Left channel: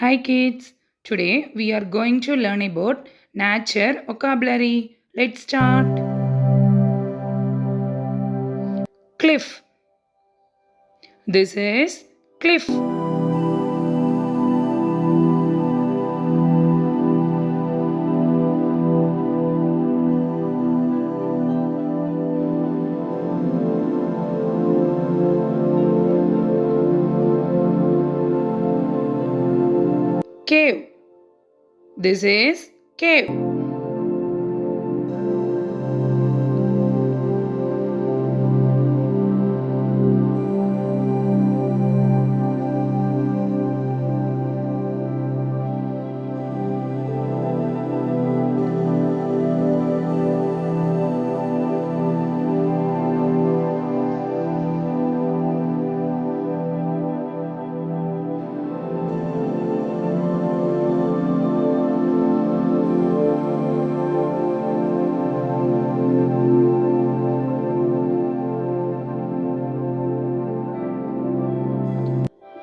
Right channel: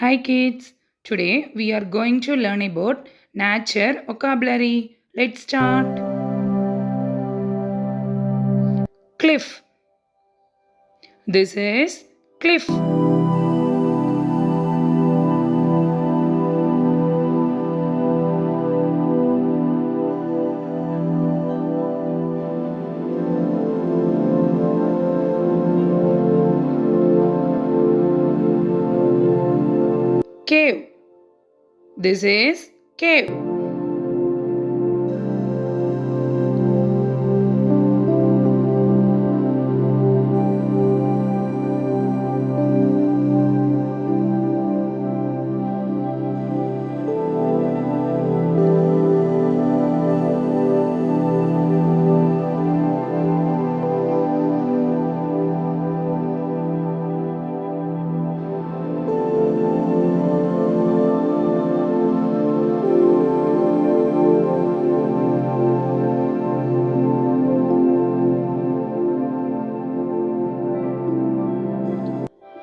Hi kids, today we are going to learn about nature vocabulary. Let's start. Cliff. This is cliff. Cave. This is cave.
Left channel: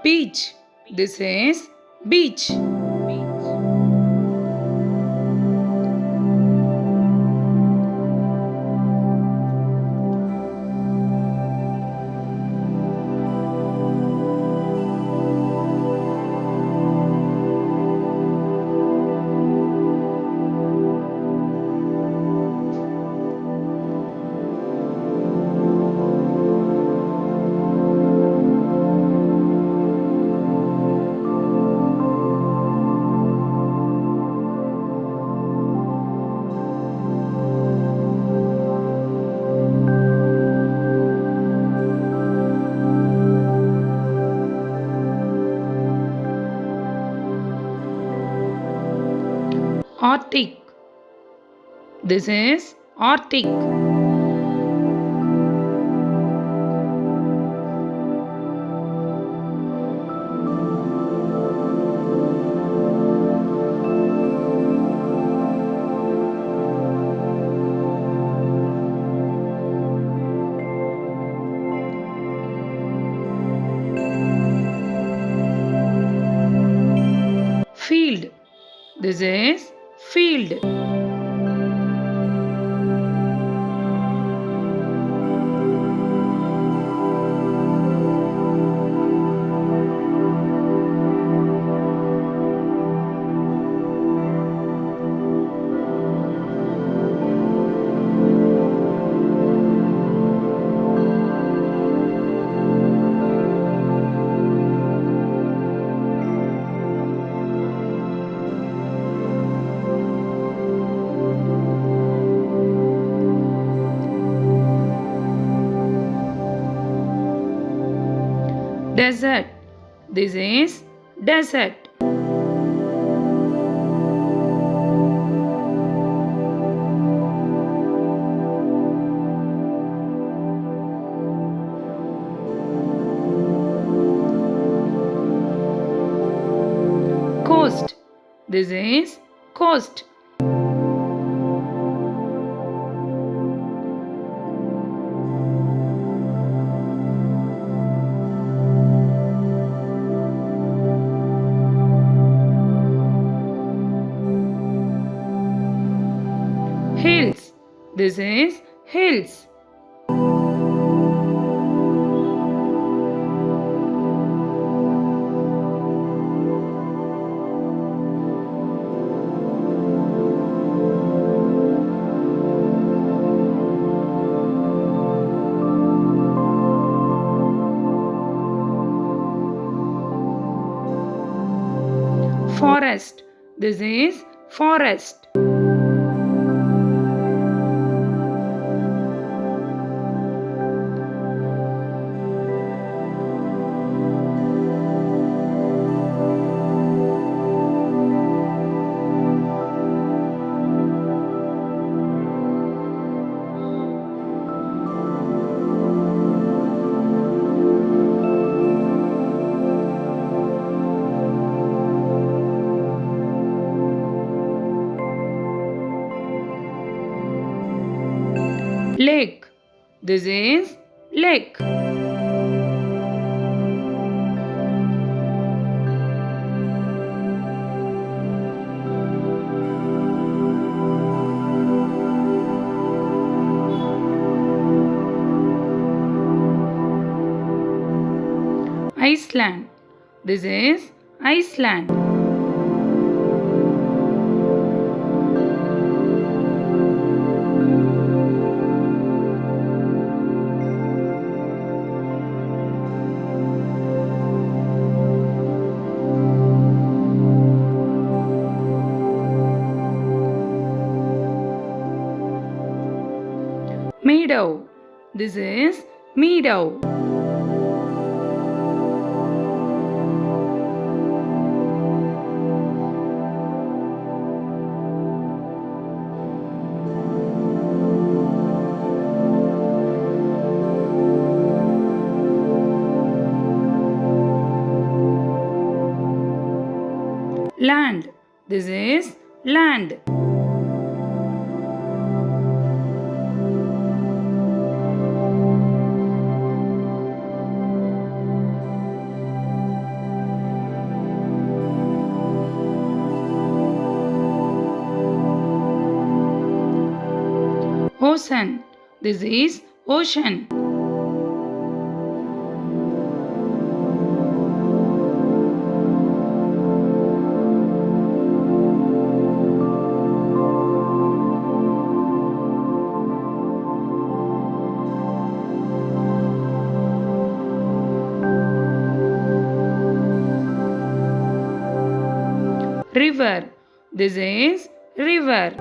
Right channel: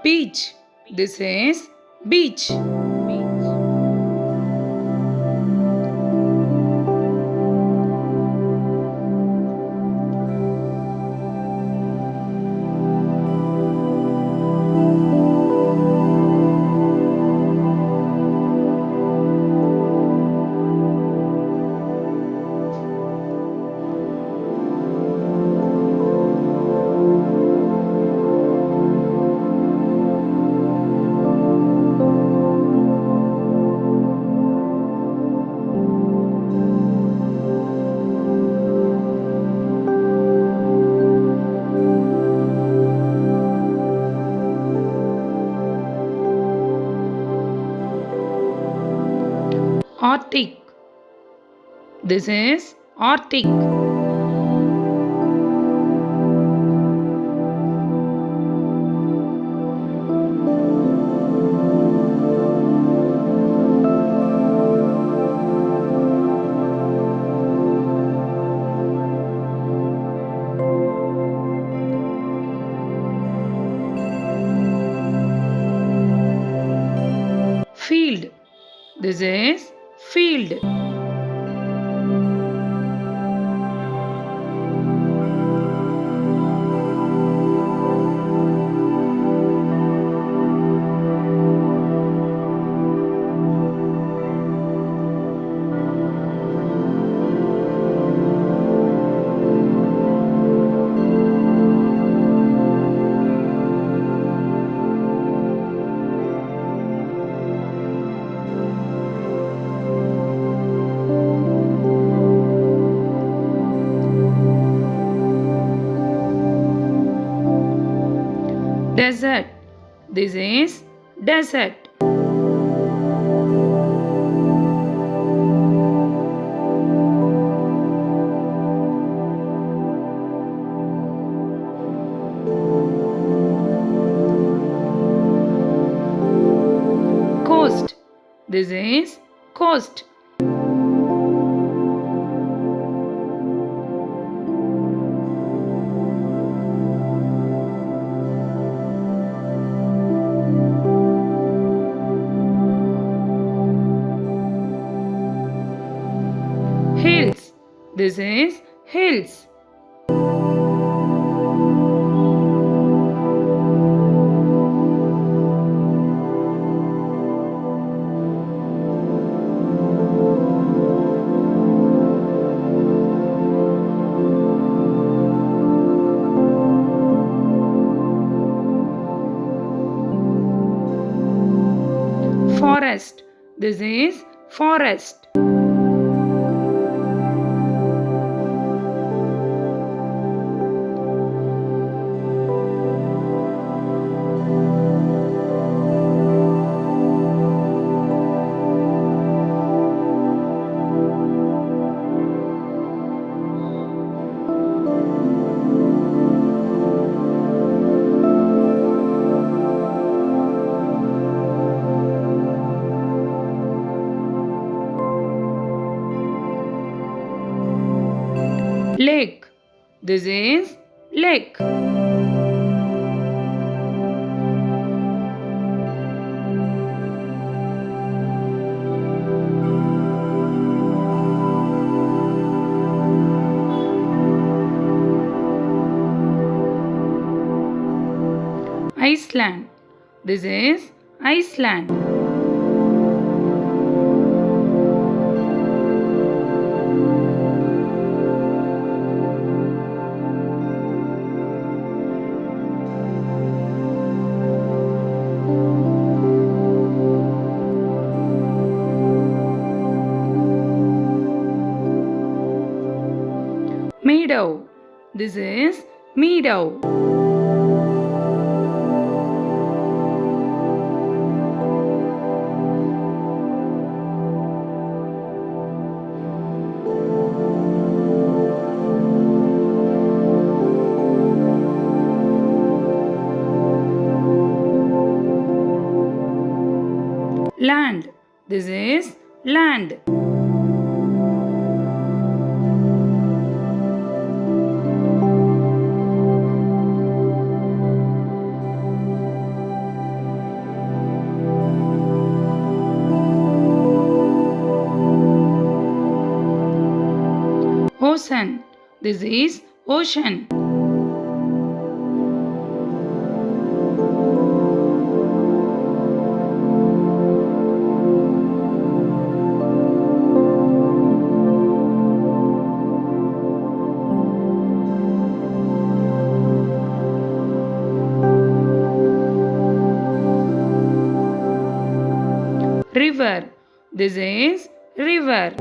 Beach. This is beach. Arctic. This is Arctic. Field. This is field. Desert. This is desert. Coast. This is coast. Hills. This is hills. Forest. This is forest. Lake. This is lake. Iceland. This is Iceland. Meadow. This is meadow. Land. This is land. Ocean. This is ocean. River. This is river.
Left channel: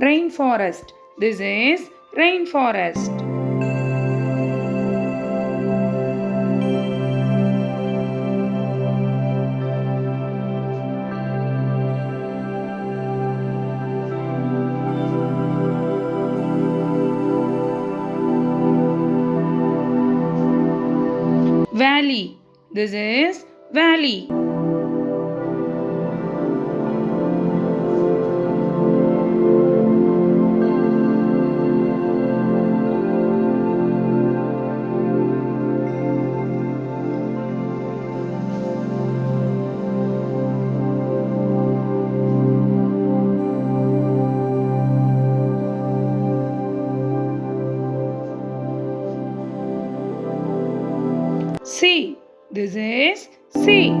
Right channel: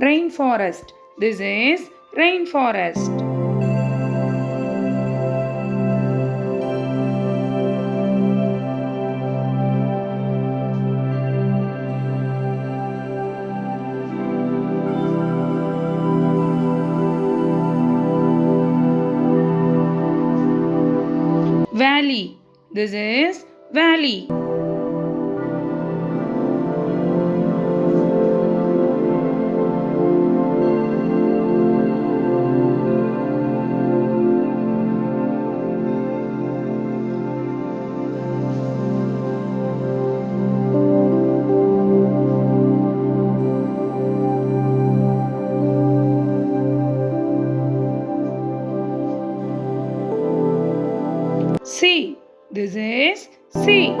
Rainforest. This is rainforest. Valley. This is valley. Sea. This is sea.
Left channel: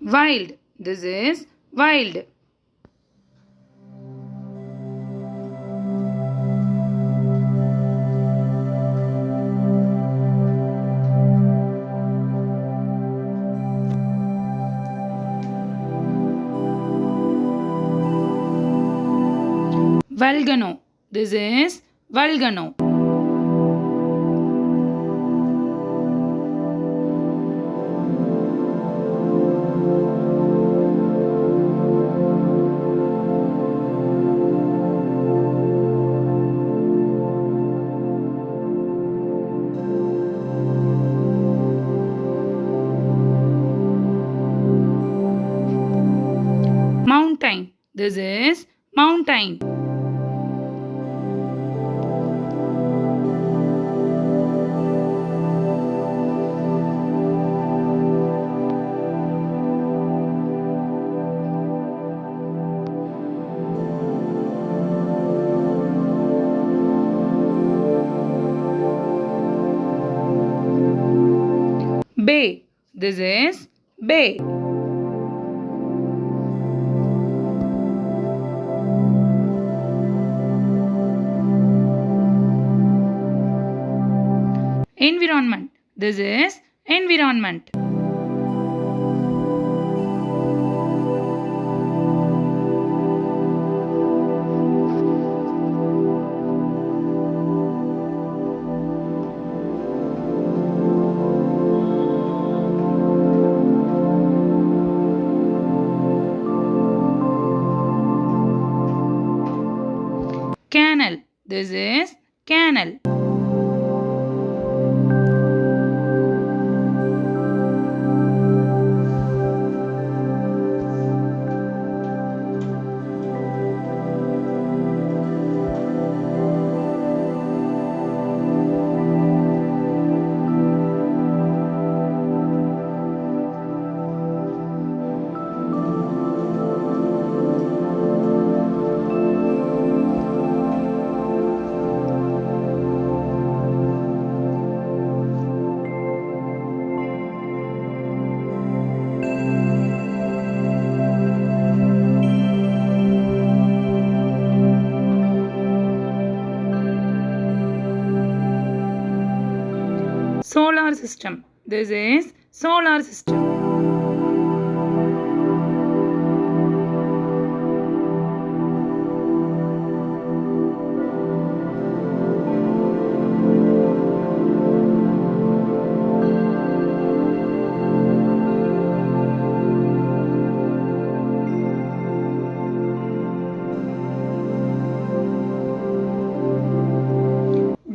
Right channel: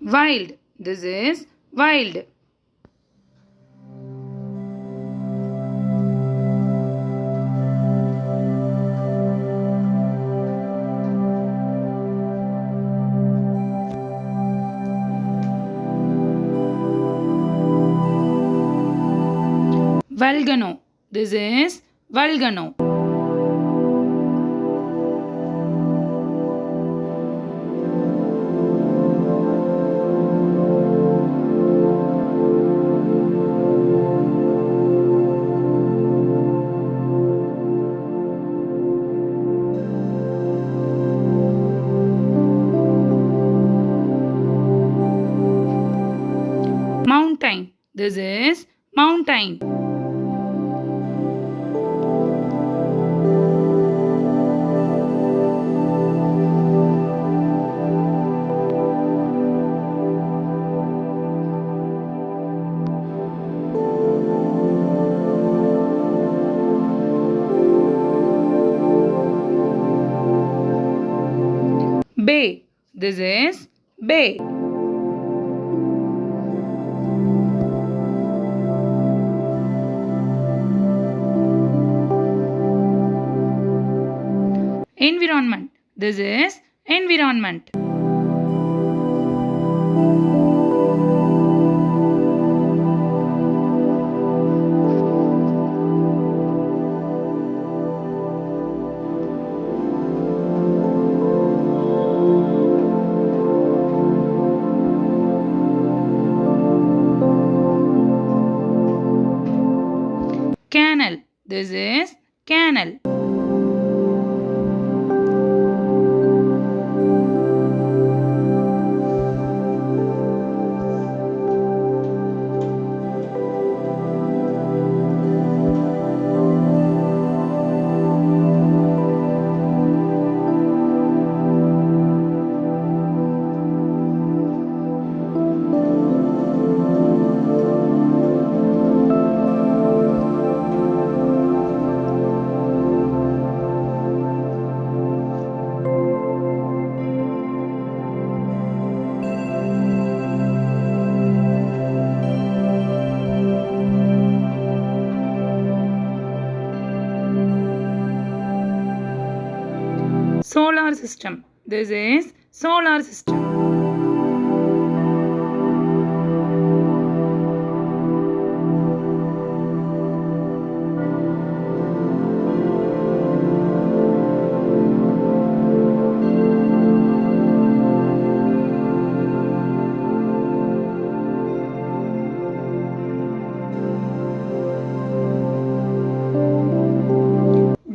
Wild. This is wild. Volcano. This is volcano. Mountain. This is mountain. Bay. This is bay. Environment. This is environment. This is canal. Solar system. This is solar system.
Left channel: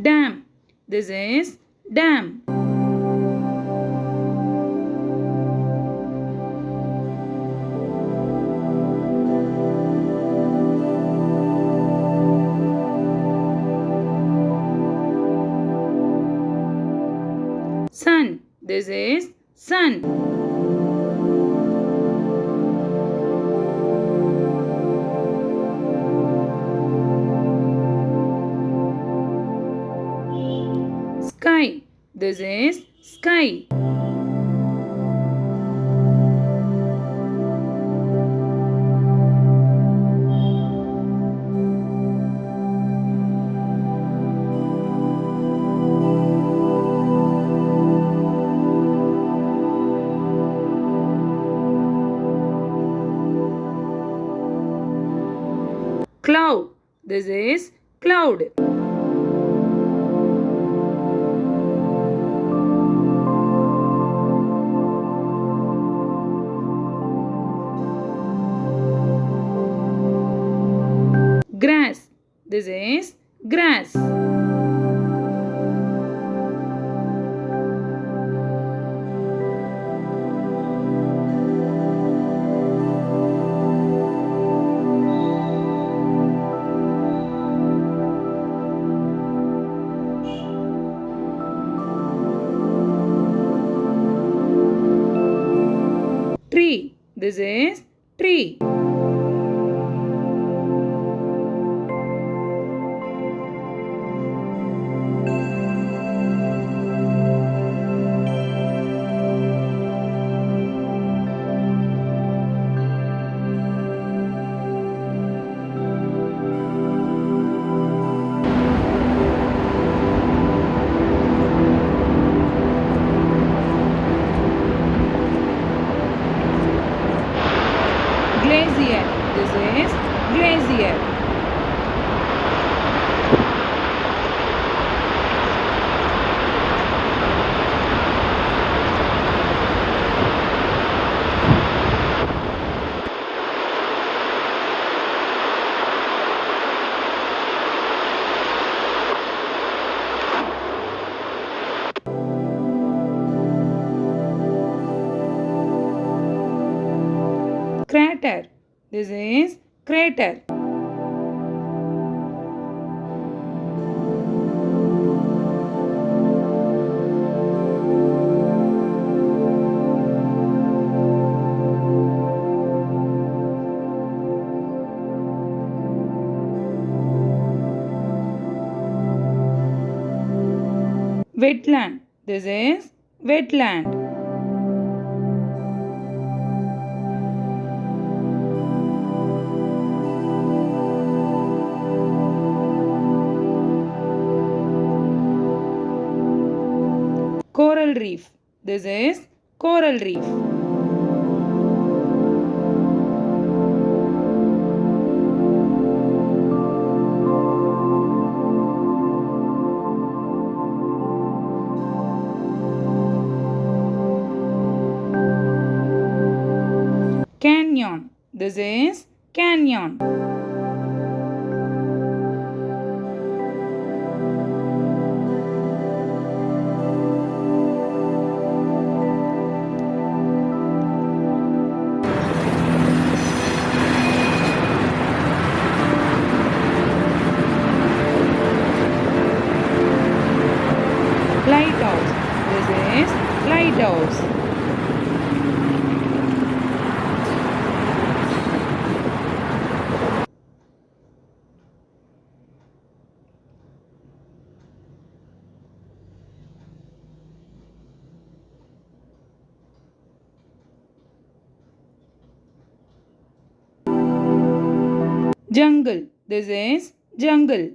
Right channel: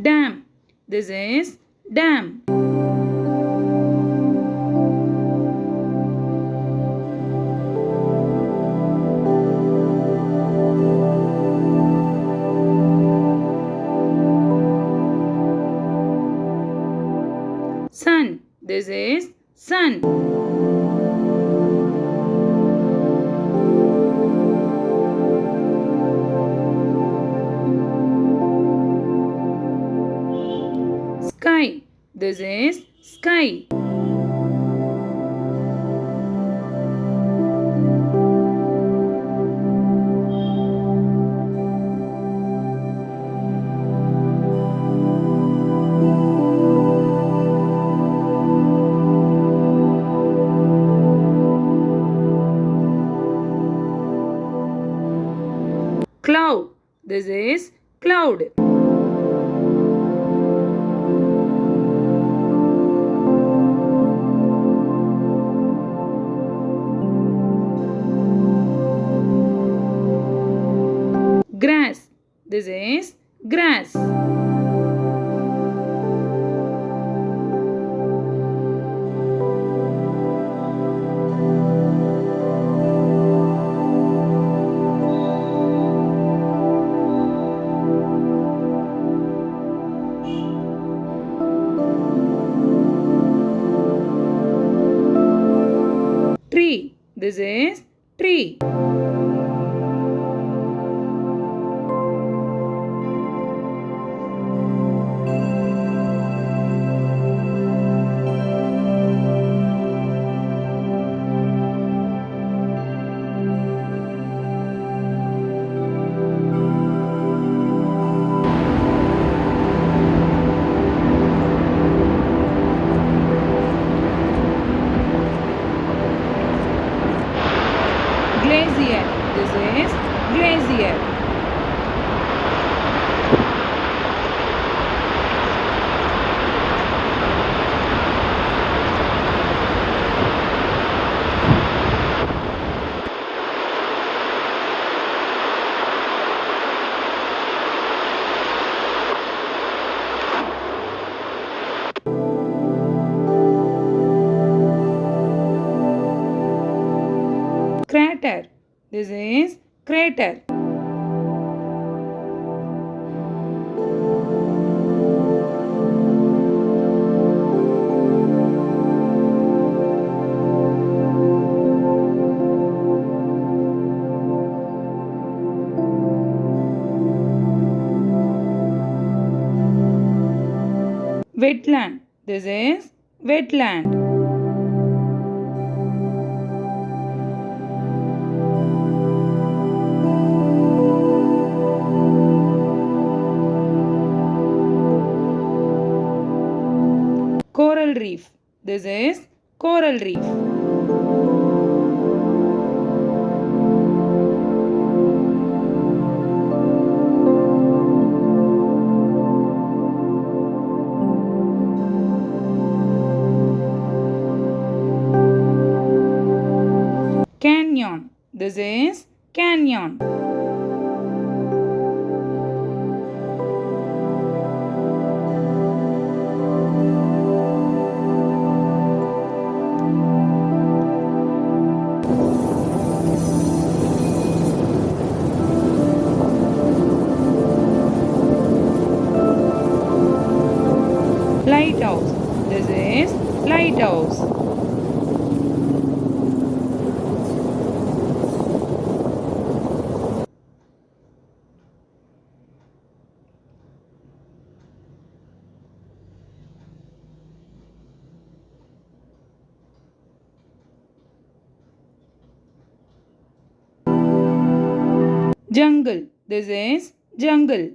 Dam. This is dam. Sun. This is sun. Sky. This is sky. Cloud. This is cloud. Grass. This is grass. Tree. This is tree. Glacier. This is glacier. Crater. This is crater. Wetland. This is wetland. Coral reef. This is coral reef. Canyon. This is canyon. White House. Jungle. This is jungle.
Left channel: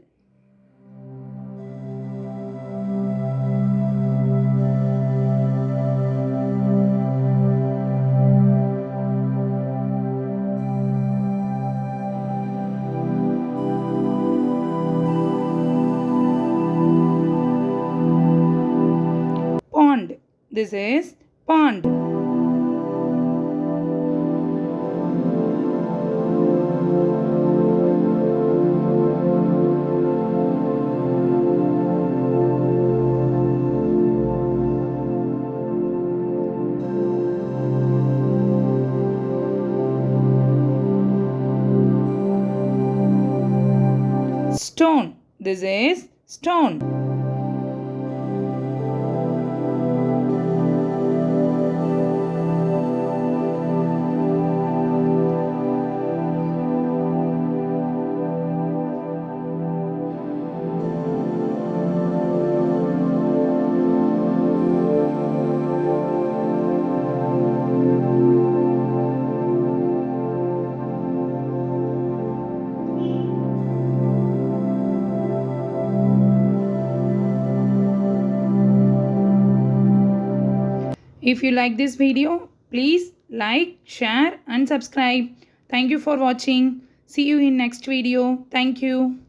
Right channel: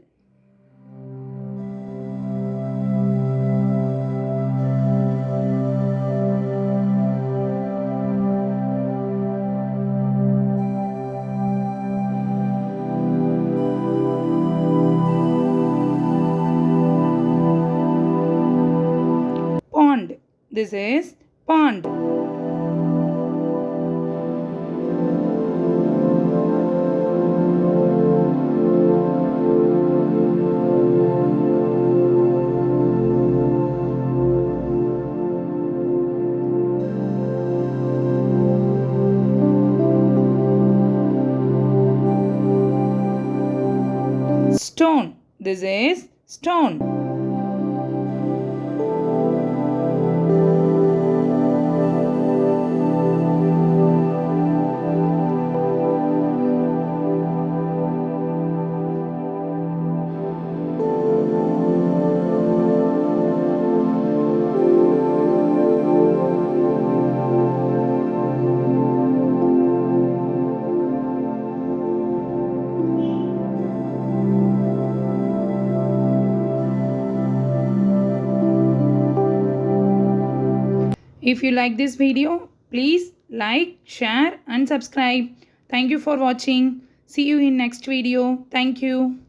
Pond. This is pond. Stone. This is stone. If you like this video, please like, share and subscribe. Thank you for watching. See you in next video. Thank you.